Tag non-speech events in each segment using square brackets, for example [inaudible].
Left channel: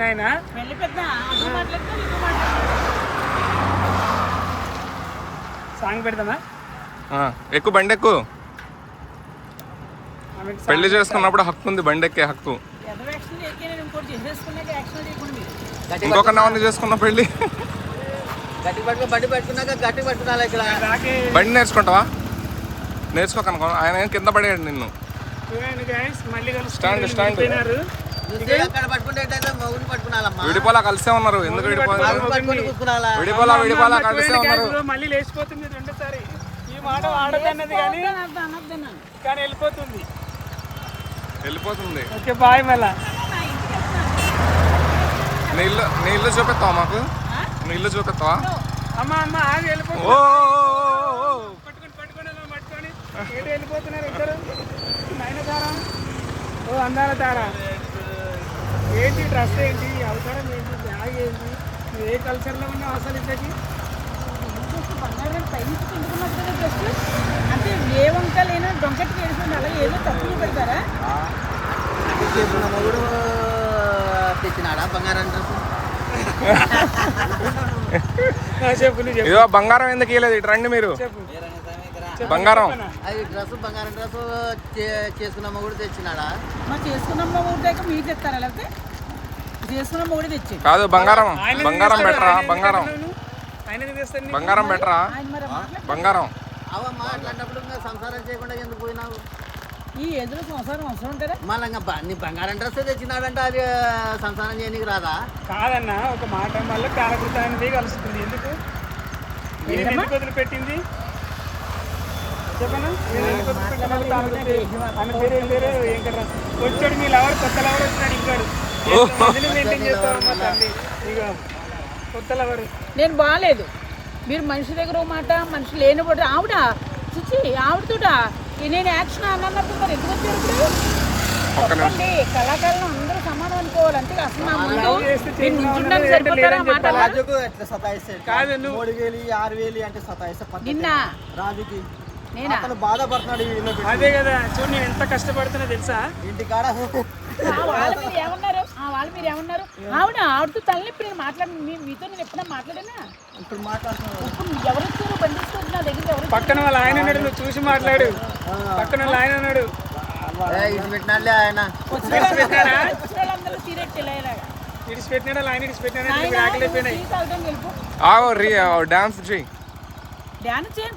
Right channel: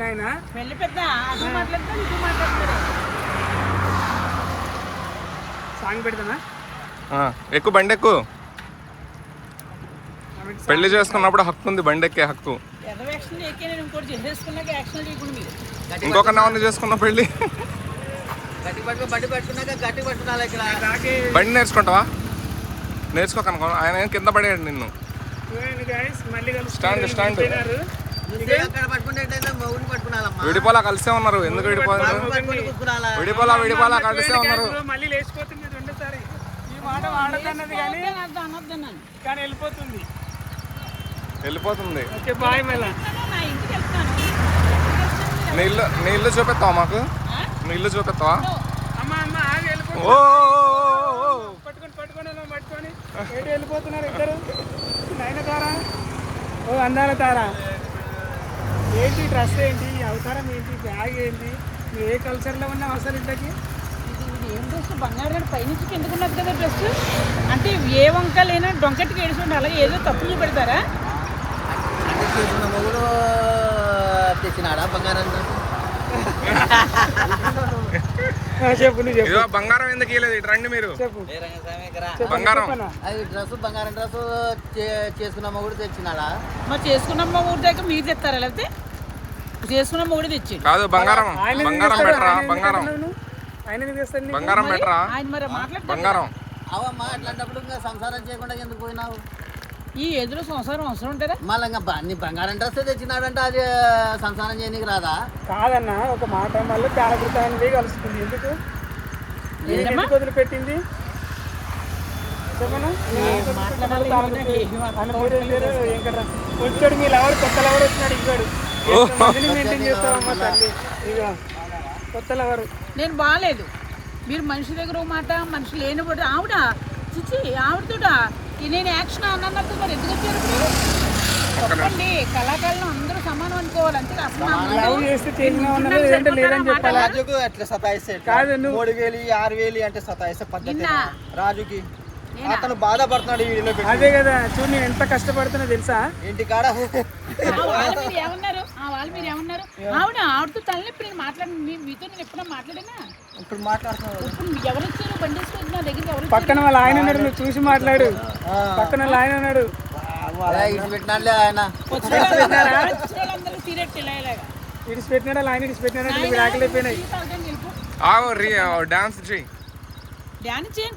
నాయనా? పెళ్ళి పెద్ద. సాంగ్ ఎక్కువ బండి పెళ్ళి చేసుకున్నప్పుడు హక్కు ఉంది బండి ఎక్కే హక్కు ఇంకొక నవని చేసుకున్న పెళ్ళి. బండి నేర్చుకుంటావా? నేర్చుకోకనుకో ఆయన కింద పడేయండి నిన్ను. Stand, stand. విడిపోయినారు. చూస్తే అక్కడ పట్టుకుంటే మొగుడు పట్టుకోవాలమ్మా విడిపోలా కలిసే ఉన్నారు. ఎందుకు కూర్చున్నాలా విడిపోలా విడిపోలా కలిసే ఉన్నారు. వెళ్ళిపోతుంది వెళ్ళిపోతుంది ఓకే బాయ్ మళ్ళా నా ఇంటికి వెళ్తున్నాను నీ ఇల్లు నీ ఇల్లు చూపిస్తావా మాకు? ఆ? నీ ఇల్లు చూపిస్తావా అమ్మ అమ్మ ఆగి వెళ్ళిపోతుంది ఓ ఏంటి డ్రెస్ ఏంటి? అవతారం ఏంటి? బ్యాగ్ ఏంటి? ఏ కల్చర్లో ఉన్నావు అసలు ఇంతకి? ఏం చేస్తే బంగారు పైనుంచి కిందకున్నది కదా డ్రెస్ అంటే ఏ వంక లేనా డొంకటికి ఏడుచుంటే అలాగే ఏదో తప్పు చూపెడతారా చేసిన మొగుడు తెచ్చినాడా బంగారం? ఎందుకు ఇవ్వలేదు ఇటు రండి మీరు. బంగారం. డ్రెస్ డ్రెస్ చేసుకున్నమ్మ ఊరి దగ్గర మీరు తెస్తారా లేకపోతే? తెచ్చాడు. కాదు బంగారం. ఆయన బంగారం తెస్తాడు? బంగారం? బంగారం పెట్టరా ఆయన మరి మాట్లాడు బంగారం. సంసారం చేయకుండా ఎందుకు పోయినావు? ఈ ఎదురు సంసారం అవసరం ఉంటారా మళ్ళీ నీ బంగారం డ్రెస్ తెచ్చినాడంటే అది సంసారం చేయనీకి రాదా? కాదన్న ఒక మాట మళ్ళీ కాలకృతానికి కలుస్తుంది. ఎందుకు? నేను వచ్చాడు మీ లవర్ కొత్త లవర్ వచ్చినాడు ఇక్కడ కొత్త లవర్ నేను బాగాలేదు మీరు మనిషి దగ్గర మాట మనిషి లేనిపోతే ఆవిడ చిచి ఆవిడతోట? నేను యాక్షన్ అన్నట్టు మరి ఎందుకు వచ్చారు ఇప్పుడు? చెప్పండి. కళాకారులు అందరూ సమానం అనుకోవాలి. అంతే అసలు రాజుకు కాదు నువ్వు మూడు వేలు ఆరు వేలు అంటే సతాయిస్తే పద్ధతి నిన్న రాజుకి? అతను బాధపడుతున్నాడు పెట్టి. అదే కదా నేను ఎంత కష్టపడుతున్నా తెలుసా? ఇంటికాడ ఆ వాళ్ళు మీరు ఏమన్నారు? ఆ వాళ్ళు మీరు ఏమన్నారు? ఆవిడ ఆవిడతో నేను మాట్లాడి మీ- మీతో నేను ఎప్పుడన్నా మాట్లాడానా? ఇప్పుడు మాట్లాడుతున్నాడు ఇప్పుడు ఎవరు వచ్చారు? బండి తీసుకొచ్చి నా దగ్గరికి ఎవరు పక్కన వాళ్ళ ఆయన ఉన్నాడు నువ్వు చూసి మాట్లాడు. పక్కన వాళ్ళ ఆయన ఉన్నాడు. పెట్టినాడులే ఆయన. వచ్చిన వాళ్ళు- వచ్చిన వాళ్ళందరూ సీరియట్ ఇలా ఇలాగా. ఇడిచి పెట్టినాడు? వాళ్ళ ఆయన నాయనా, టీ ఆగో రీ డాన్స్ చెయ్యి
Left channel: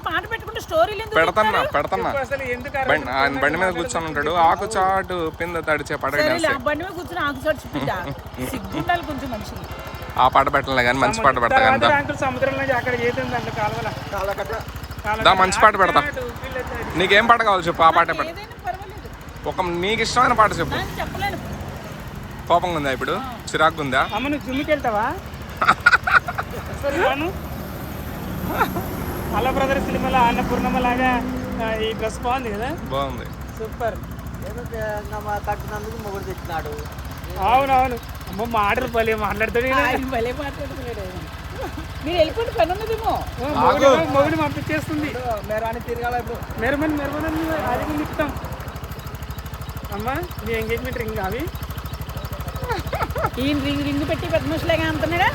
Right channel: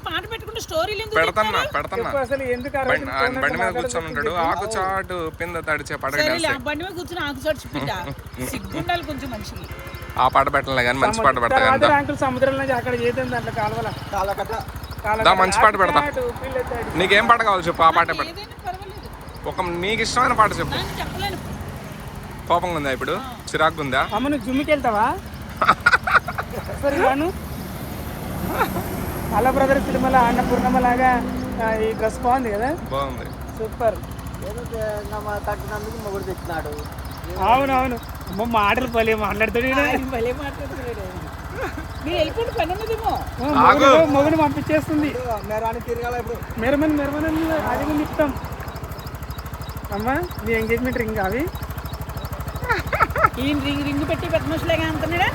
పాట పెట్టుకుంటే స్టోరీలు ఎందుకు పెడతన్నా? పెడతన్నా బండి ఆయన బండి మీద కూర్చొని ఉంటాడు. ఆకు చాటు పింద తడిచే సరేలే, డాన్స్. ఆ బండి మీద కూర్చొని ఆకు చోటు బిడ్డ సిగ్గుండాలి కొంచెం మనిషికి. ఆ పాట పెట్టలే కానీ మంచి పాట పెడతా కానీ దా. అంకుల్ సముద్రంలో అక్కడ చేతుంది అంట కాలువలో. దా మంచి పాట పెడతా. నీకేం పాట కావాలి చెప్పు ఆ పాట పెడతా. ఏదైనా పర్వాలేదు. ఒక నీకు ఇష్టమైన పాట చెప్పు. నాకు చెప్పలేను. కోపంగా ఉందా ఇప్పుడు? చిరాకు ఉందా? అమ్మ నువ్వు వెళ్తావా? [laughs] సరే రాను. అలా బ్రదర్ తిరుమల అన్నపూర్ణమ్మ లాగా ఈ డ్రెస్ బాగుంది కదా? బాగుంది. సూపర్ ఏదో మా కట్టినందుకు మొగుడు తెచ్చినాడు అవును అవును అమ్మ మాటలు పలే మాట్లాడుతాడు భలే మాట్లాడుతున్నాడు. మీరు వెళ్ళిపోండి పని ఉన్నదేమో మొగుడు పంపించేస్తుంది. మేరాని తిరగాల ఇప్పుడు. మెరమని మెరమని అది ముందు ఇస్తాం. అమ్మా నీ ఎంగేజ్మెంట్ రింగ్ అవి? ఈయన రింగ్ రింగ్ పెట్టి పెద్ద మనుషులేగా అంటున్నాడా?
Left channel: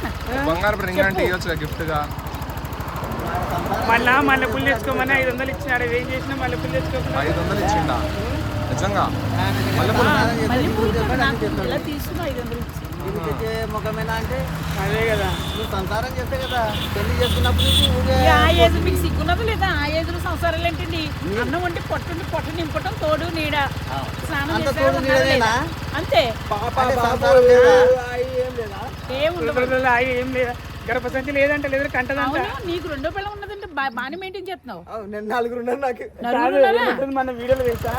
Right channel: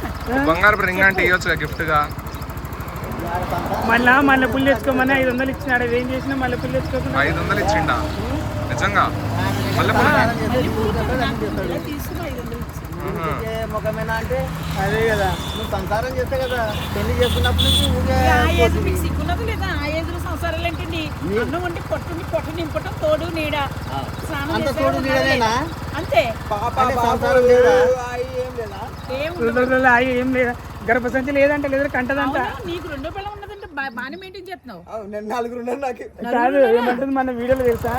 బంగారు రింగ్ అంటే ఇవ్వచ్చు గిఫ్ట్గా. మళ్ళా మళ్ళీ పుల్లు తెచ్చుకోమని ఐదు వందలు ఇచ్చినాడు. ఏం చేసినా మళ్ళీ పుల్లు తెచ్చుకో ఐదు వందలు ఇచ్చిండా? నిజంగా? మళ్ళీ పూలు నాకు ఇలా తీసుకుని ఐదు వందలు ముఖమేనా అంటే అదే కదా. నువ్వు సంసారం చేస్తే కదా పెళ్ళి చేసుకున్నప్పుడు నుంచి ఊరికే ఇక ఆ ఏజ్ మీకు సిగ్గున్నది లేదా? ఆ ఏజ్లో సంసారాలు ఏంటండి? అన్నం వంటి పొట్టు పొట్టు నింపటం తోడు నీడ. స్నానం అంత చేసే ఏం లేదా? గర్భసంచి లేదంటే లేదు కంటదంట. అవును నీకు రెండో పిల్ల ఉన్నదంటే బా- బాగానే మెయింటైన్ చేస్తున్నావు. నేను నలుగురు ఉన్నారు నాకు. కాదు ఏమంటుంది మన వీడియోలో తెలుసా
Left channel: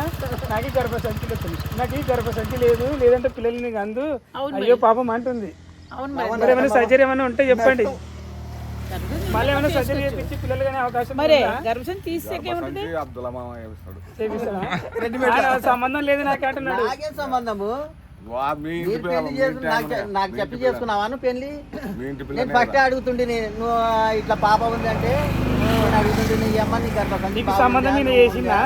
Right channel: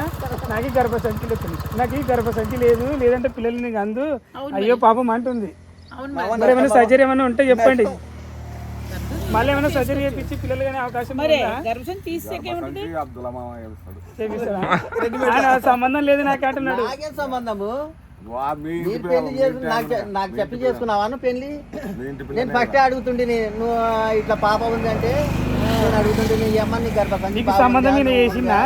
నాకు ఈ గర్భసంచి వచ్చింది. నాకు ఈ గర్భసంచి లేదు లేదంటే పిల్లలు నీకు అందు అవును అయ్యో పాపం అంటుంది. అవును మరి. మరి ఏమైనా సర్జరీ ఏమైనా ఉంటే చెప్పండి. మళ్ళీ ఏమైనా సర్జరీ చేపించి పిల్లలు కానీ అవకాశం మరి చేపిస్తావా? సంబంధం లేదు నాకు అంటున్నాడు నాకేం సంబంధము? నీ పెళ్ళి చేసుకు నాకు చెప్పి చేసుకున్నావా నువ్వు పెళ్ళి నేను ఫస్ట్ అడుగుతుండే నేను నువ్వు ఇట్లా పాప ఉంది అంటే నేను నీ అమ్మ నీకు సంబంధం నేను చేసిందా?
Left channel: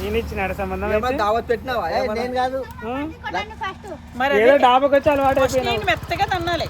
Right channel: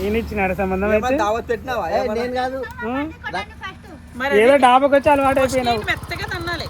నేను ఇచ్చినాడు సంబంధం ఏమన్నా దావత్ పెట్టినావా? ఏమన్నా? నేను కాదు. ఉం? ఏదో డాబాకి వచ్చి అలవాటు మెత్తగా తన్నాలి.